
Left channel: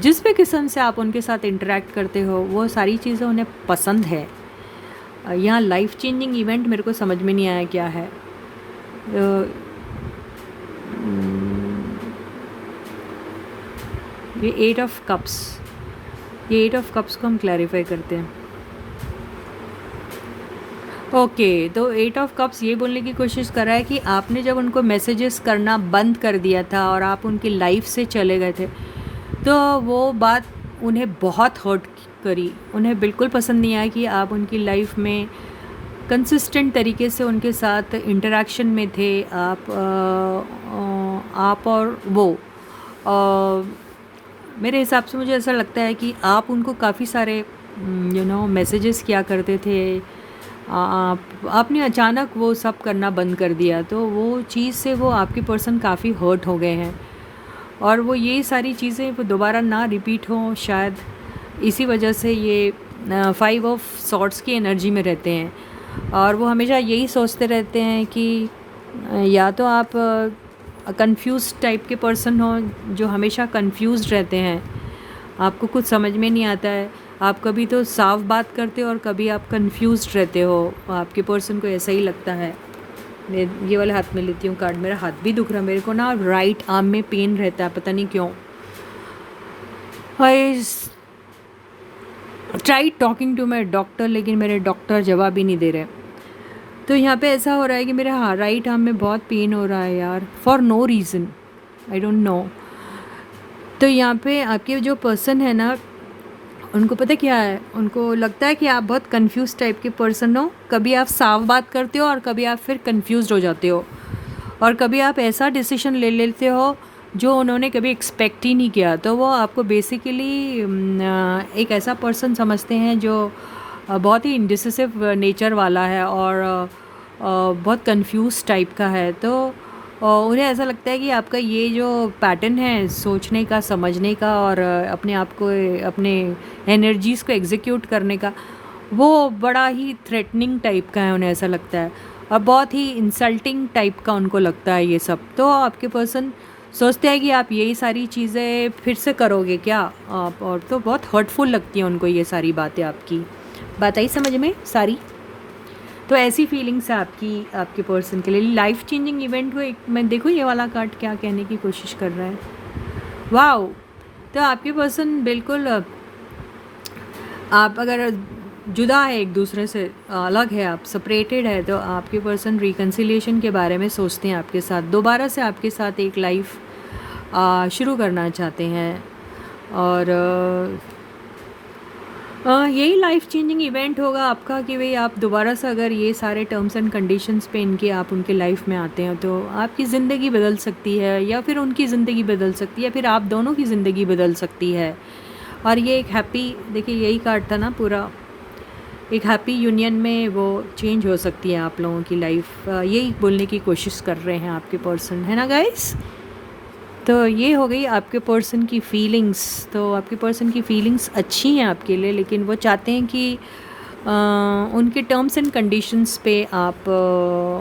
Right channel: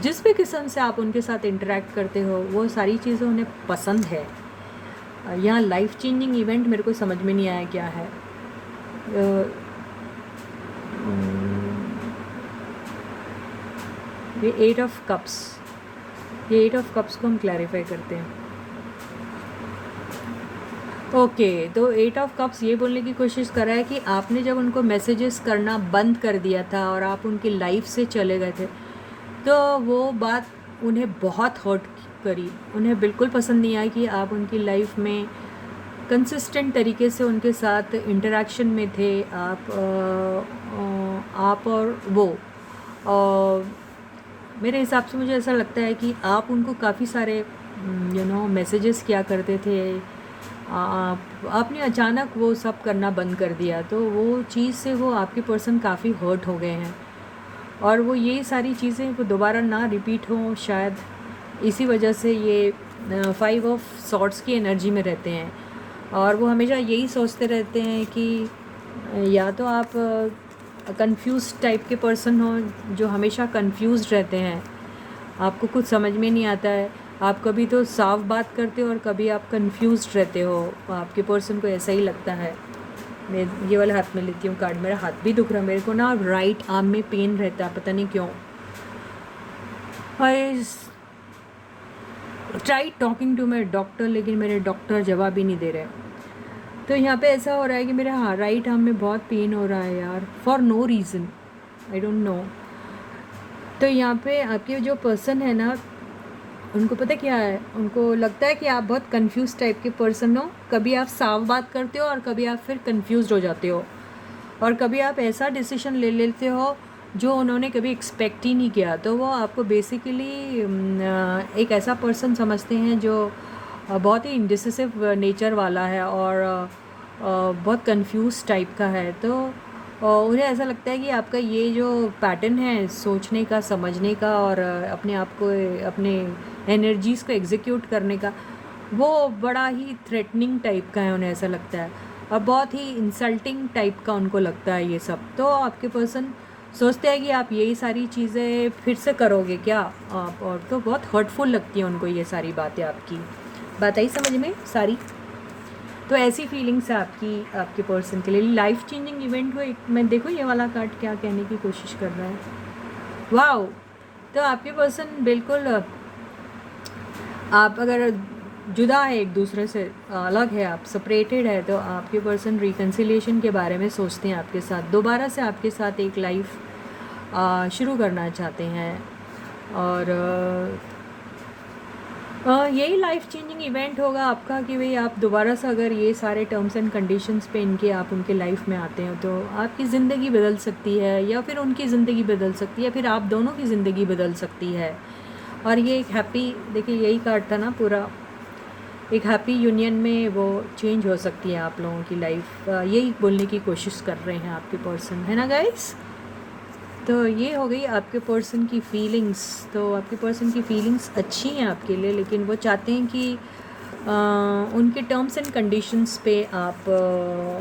जिस भी किस्म से आप उनके साथ इंटरेक्ट करते हो, वो सारी चीज़ें उन्हें पसंद है। यहाँ लाइफ चेंजिंग इवेंट मेरे को समझ में नहीं आया क्या है। ये 8 ऑफ कप्स, ये 8 ऑफ कप्स को हम क्लैरिफाई करते हैं। ओके, तो 8 ऑफ कप्स ये बोलने की कोशिश कर रहा है कि आपने जब उनको मैसेजेस करना बंद कर दिया था और आप उनकी लाइफ से चले गए थे, तो वो बात उन्हें बहुत हर्ट करी। उन्हें बिल्कुल पसंद नहीं आया कि आप उनकी लाइफ में कंसिस्टेंट तरीके से उनके साथ इंटरेक्शन में थे। आप और वो मेरे हिसाब से मुझे ऐसा लगता है कि आप उनको काफ़ी सारे मैसेजेस किया करते थे। आपने अचानक वो सब करना बंद कर दिया, तो वो चीज़ से वो आपके पर्सन काफ़ी हर्ट हो गए हैं और वो ये सारी चीज़ें वो दोबारा ना रिपीट हो, शायद इसी वजह से ये 5 ऑफ सॉर्ड्स की एनर्जी में रहते हैं। और वो हमेशा यही सोचते रहते हैं कि या तो आप कंफ्यूज टाइप के पर्सन हो, जो हमेशा कंफ्यूज रहते हैं, आपको कुछ समझ में नहीं आता है, आप कभी तो साफ बात करते हो और कभी आप कंफ्यूज रहते हो। आपके पर्सन को ऐसा ही लगता है। मैं ये वाले हाथ में लेती हूँ कार्ड, मेरा हाथ भी दुख रहा है, मेरे को ना राइट आर्म में पेन रहता है, पता नहीं क्यों। I try talking to my doctor, लेकिन मेरे डॉक्टर जवाब ही नहीं दे रहे। तो यहाँ पे ऐसा हो रहा है कि मेरा राइट आर्म में बहुत पेन हो रहा है यार, for no reason, I don't know. तो यहाँ पे आपके जो पर्सन है ना, उनको पता क्या है, उनको लगता है कि आप बहुत कंफ्यूज टाइप के पर्सन हो। कभी आप साफ बात करते हो और कभी आप फिर कंफ्यूज हो जाते हो, और कभी आप ऐसा डिसीजन ले लेते हो जो उन्होंने कभी एक्सपेक्ट ही नहीं किया। तो वो आपको बेसिकली एक ऐसा पर्सन समझते हैं जो बहुत ही इंडिसिसिव नेचर वाला है और बहुत कंफ्यूज टाइप का है। तो उन्हें ऐसा लगता है कि आपका ये जो पैटर्न है सोचने का, समझने का और अपने आप को, अपने एनर्जीज़ को एग्जीक्यूट करने का, वो बड़ा ही थ्रेटनिंग टाइप का है। उन्हें ऐसा लगता है और बहुत ही इंसल्टिंग टाइप का उनको लगता है ये सब। तो आपके पर्सन सोचते हैं कि आप यही सारी चीज़ें फिर से करोगे क्या आप, और तो बहुत हर्टफुल लगती है उनको ये सारी बातें आपकी। बात आई समझ में सारी? तो ऐसी फीलिंग्स है आपकी आपके पर्सन के लिए। लाइफ चेंजिंग इवेंट को एक मैं देखो ये वाला कार्ड क्या कहने की कोशिश कर रहा है। वाओ! तो आपके पर्सन बिल्कुल आप अगर जुदा है एक दूसरे से, अलग है, आप सेपरेटेड है, तो आपके पर्सन रिकन्सिलिएशन के बारे में सोचते हैं आपके साथ, दोबारा से आपके साथ एक लाइफ शुरू करना चाहते हैं। और यही लाइफ चेंजिंग इवेंट होगा आपका कि भाई आप दोबारा से अगर ये सारे टर्म्स एंड कंडीशंस पे इनके आप उनके लाइफ में आते हैं तो आपकी ज़िंदगी बदल सकती है, या फिर उनकी ज़िंदगी बदल सकती है, या फिर आप दोनों की ज़िंदगी बदल सकती है। और ये एक हैप्पी, देखिए यही कार्ड था ना पूरा, एक हैप्पी यूनियन में वो चेंज हो सकती है आप लोगों की लाइफ। यही बोलने की कोशिश कर रहे हैं आपके पर्सन, है ना गाइस? तो ये हो गई आपके पर्सन की फीलिंग्स। तो आपके पर्सन की फीलिंग्स अच्छी हैं आपके लिए, लेकिन वो चाहते हैं कि उनके टर्म्स एंड कंडीशंस पे आप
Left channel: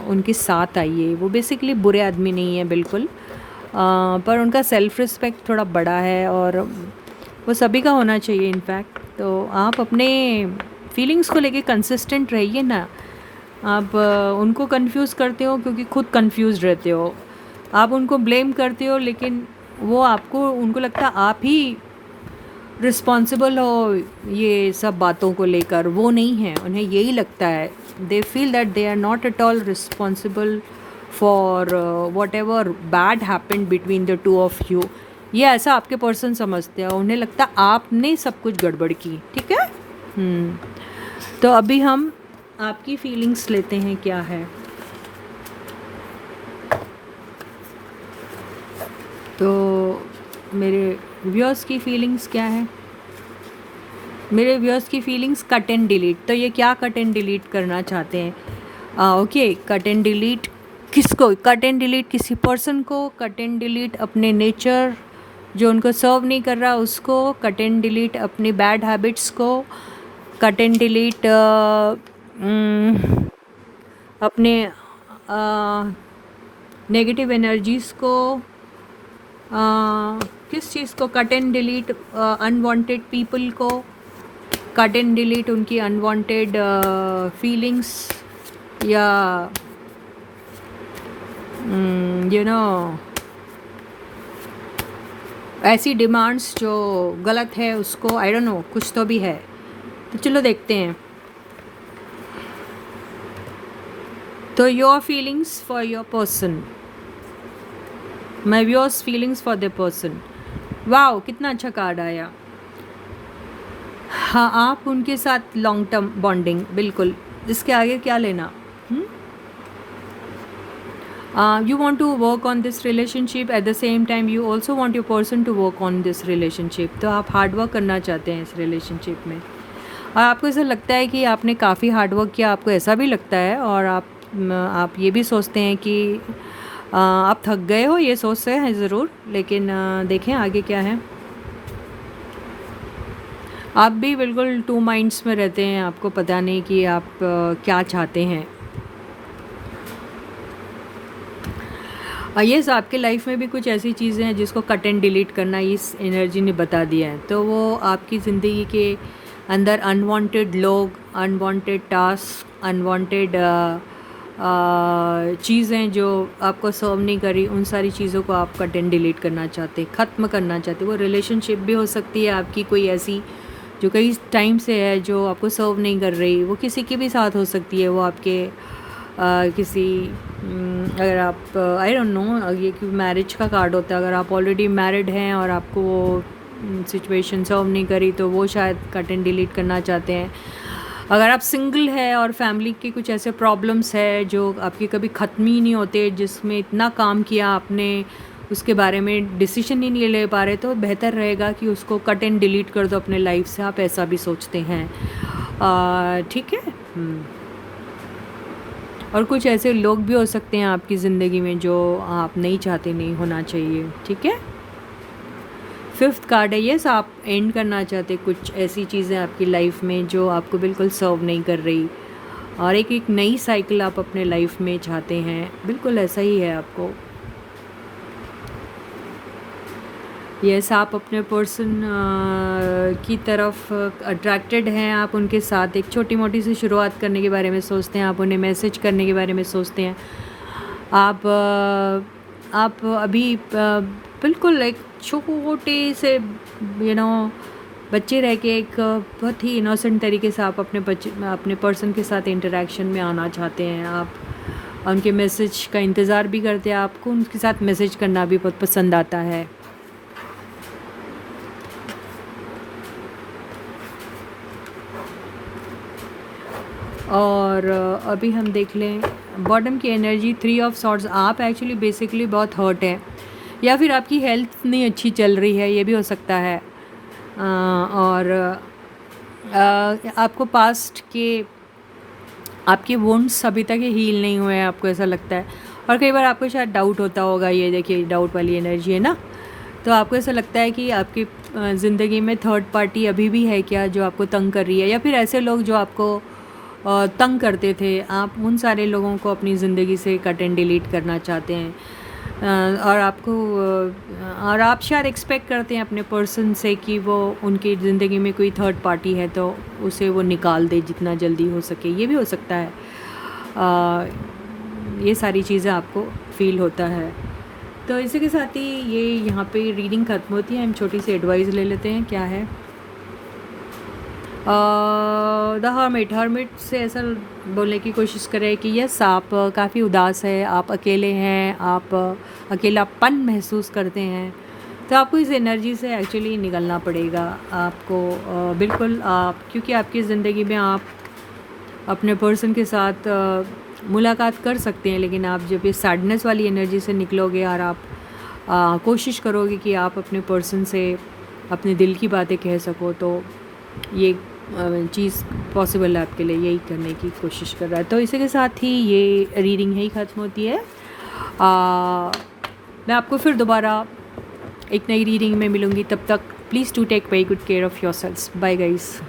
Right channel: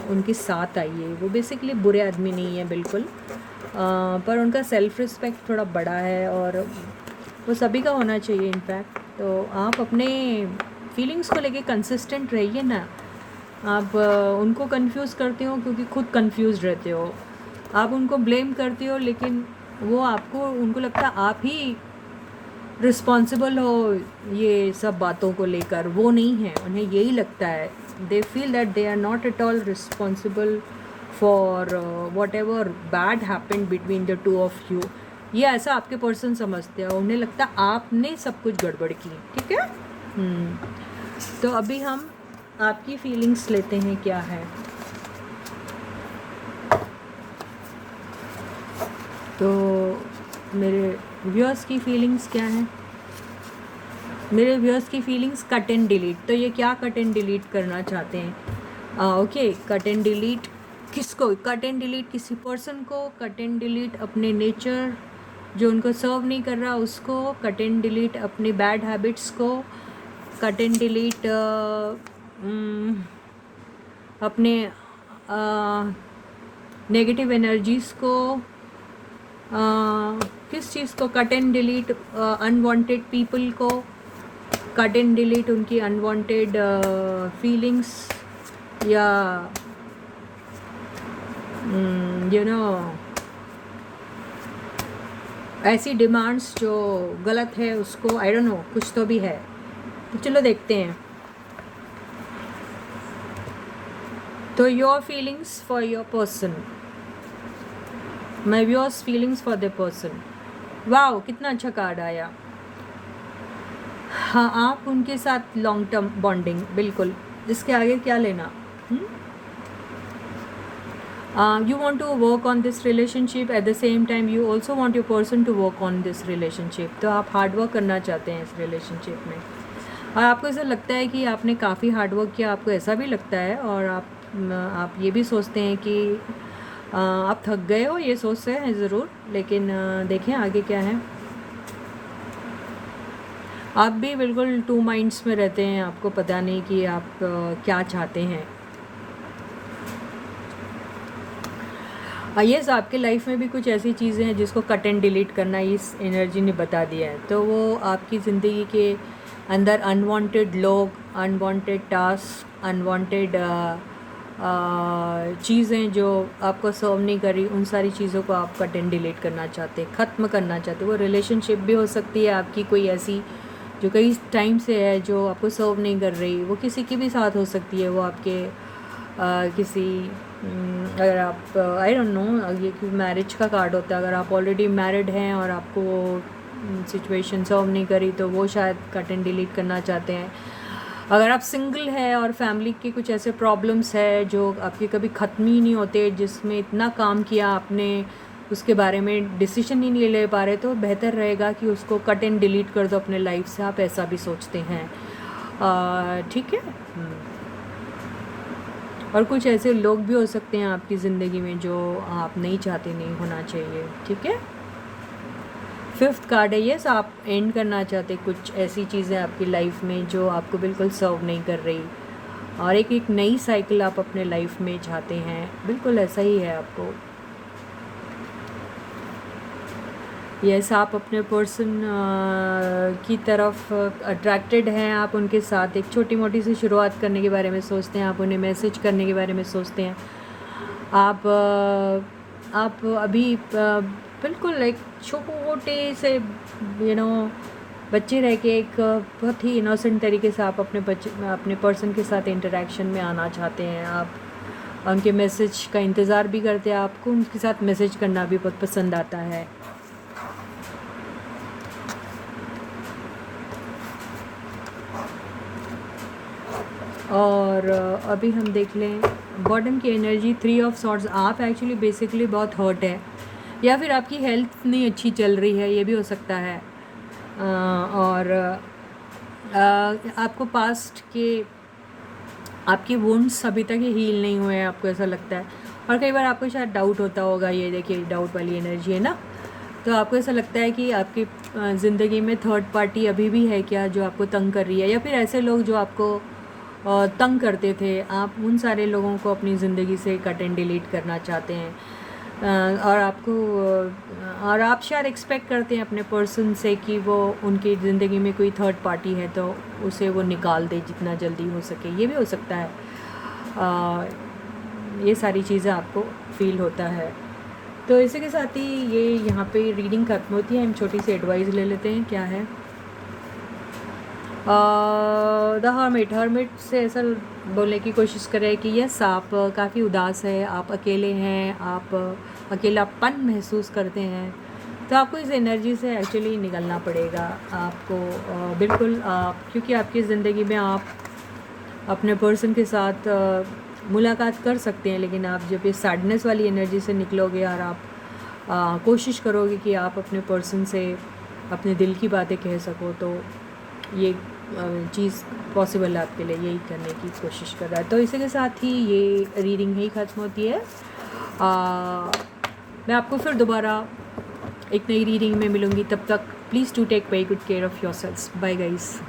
उनके साथ आइए। वो बेसिकली बुरे आदमी नहीं है बिल्कुल, पर उनका सेल्फ रिस्पेक्ट थोड़ा बड़ा है और वो सभी का होना चाहिए इनफैक्ट। तो आप अपने फीलिंग्स को लेके कंसिस्टेंट रहिए ना। आप उनको कंफ्यूज करते हो क्योंकि खुद कंफ्यूज रहते हो, आप उनको ब्लेम करते हो, लेकिन वो आपको, उनको लगता है आप ही रिस्पॉन्सिबल हो ये सब बातों को लेकर। वो नहीं है, उन्हें यही लगता है, they feel that they are not at all responsible for whatever bad happened between the two of you. ये ऐसा आपके पर्सन समझते हैं, उन्हें लगता है आपने सब कुछ गड़बड़ की। ठीक है। तो अभी हम आपकी फीलिंग्स लेते हैं क्या है। तो मेरे व्यूअर्स की फीलिंग्स क्या है? मेरे व्यूअर्स की फीलिंग्स कट एंड डिलीट। तो ये क्या कट एंड डिलीट करना चाहते हैं? ओके, कट एंड डिलीट किसको? कट एंड डिलीट किसी पर्सन को, कट एंड डिलीट अपने नेचर जो उनको सर्व नहीं कर रहा उसको, कट एंड डिलीट अपनी बैड हैबिट्स को, कट एंड डिलीट अपने नेगेटिव एनर्जीज़ को, किस चीज़ को cut and delete? Unwanted people को कट एंड डिलीट, उनकी अनवांटेड फीलिंग्स या यू नो ऐसी डिमांड्स जो गलत है उसको, आई डोंट नो, कुछ तो भी है। तो चलो देखते हैं। तो your feelings for your person, my viewers feelings for the person. Wow, कितना अच्छा कार्ड आया। हाँ, आप उनके साथ लॉन्ग टर्म बॉन्डिंग, बिल्कुल, इसके आगे क्या लेना। You want to work on this relationship, at the same time you also want your person to work on this relationship। तो आप हार्ड वर्क करना चाहते हैं इस रिलेशनशिप में, और आपको ऐसा लगता है कि आपने काफ़ी हार्ड वर्क किया, आपको ऐसा भी लगता है, और आप ये भी सोचते हैं कि आप थक गए हो, ये सोचते हैं ज़रूर, लेकिन देखें आगे क्या है। आप भी बिल्कुल टू माइंड्स में रहते हैं, आपको पता नहीं कि आप क्या चाहते हैं। यस, आपके लाइफ में भी कुछ ऐसी चीज़ें हैं जिसको कट एंड डिलीट करना इस एनर्जी ने बता दिया है। तो वो आपकी ज़िंदगी के अंदर अनवांटेड लोग, अनवांटेड टास्क, अनवांटेड चीज़ें जो आपको सर्व नहीं करी, उन सारी चीज़ों को आप कट एंड डिलीट करना चाहते, ख़त्म करना चाहते। वो रिलेशनशिप भी हो सकती है आपकी कोई ऐसी जो कई टाइम से है, जो आपको सर्व नहीं कर रही। वो किसी के भी साथ हो सकती है, वो आपके किसी अगर आप आई डोंट नो, ये कि मैरिज का कार्ड होता है, अगर आप ऑलरेडी मैरिड हैं और आपको सिचुएशन सर्व नहीं करी तो वो शायद कट एंड डिलीट करना चाहते हैं। अगर आप सिंगल है और फैमिली के कुछ ऐसे प्रॉब्लम्स है जो आपके कभी ख़त्म ही नहीं होते, जिसमें इतना काम किया आपने, उसके बारे में डिसीजन ही नहीं ले पा रहे, तो बेहतर रहेगा कि उसको कट एंड डिलीट कर दो अपने लाइफ से। आप ऐसा भी सोचते हैं, ठीक है। और कुछ ऐसे लोग भी हो सकते हैं आपकी ज़िंदगी में जो आप नहीं चाहते, नहीं होना चाहिए, ठीक है। फिफ्थ कार्ड है, यस, आप एंड करना चाहते कुछ ऐसी चीज़ें आपकी लाइफ में जो आपको बिल्कुल सर्व नहीं कर रही, और एक नई साइकिल आप अपने लाइफ में चाहते हैं, बिल्कुल ऐसा ही है आपको। यस, आप अपने पर्सन की तरफ अट्रैक्टेड हैं, आप उनके साथ एक छोटी मोटी सी शुरुआत करने के बारे में सोचते हैं, आप उन्हें मैसेज करने के बारे में सोचते हैं। आप अभी बिल्कुल एक छोटे से बच्चे रह के एक बहुत ही इनोसेंट तरीके से आप अपने पर्सन के साथ इंटरेक्शन में आना चाहते हैं। आप उनके मैसेज का इंतज़ार भी करते हैं, आपको उनके साथ मैसेज करना भी बहुत पसंद आता है। और अभी हम देख लें बॉटम की एनर्जी 3 ऑफ सॉर्ड्स। आप एक्चुअली बेसिकली बहुत हर्ट है, या फिर आपकी हेल्थ नहीं अच्छी चल रही है, ये भी हो सकता है। और आपको पास्ट के आपके वुंड्स अभी तक हील नहीं हुए हैं, आपको ऐसा लगता है। और कई बार आपको शायद डाउट होता होगा, ये देखिए डाउट वाली एनर्जी है ना, तो आपको ऐसा लगता है कि आपकी ज़िंदगी में थर्ड पार्टी अभी भी है क्या जो आपको तंग कर रही है, या फिर ऐसे लोग जो आपको तंग करते थे, आप उन सारे लोगों को अपनी ज़िंदगी से कट एंड डिलीट करना चाहते हैं। और आप शायद एक्सपेक्ट करते हैं अपने पर्सन से कि वो उनकी ज़िंदगी में कोई थर्ड पार्टी है तो उसे वो निकाल दे जितना जल्दी हो सके, ये भी हो सकता है। ये सारी चीज़ें आपको फील होता है। तो इसी के साथ ही ये यहाँ पे रीडिंग खत्म होती है। हम छोटी सी एडवाइस ले लेते हैं, क्या है। द हर्मिट से ऐसा बोलने की कोशिश करें कि यस, आप काफ़ी उदास है, आप अकेले हैं, आप अकेलापन महसूस करते हैं, तो आपको इस एनर्जी से एक्चुअली निकलना पड़ेगा आपको। बिल्कुल, क्योंकि आपकी ज़िंदगी में आप अपने पर्सन के साथ मुलाकात कर सकते हैं, लेकिन आप जब ये सैडनेस वाली एनर्जी से निकलोगे और आप कोशिश करोगे कि आप अपने पर्सन से अपने दिल की बातें कह सको, तो ये चीज़ पॉसिबल है आपके लिए, यही करने की कोशिश कर रहा है। तो इसी के साथ ही ये रीडिंग ही ख़त्म होती है। मैं आपको फिर दोबारा एक नई रीडिंग में मिलूँगी, तब तक please to take very good care of yourselves. Bye guys.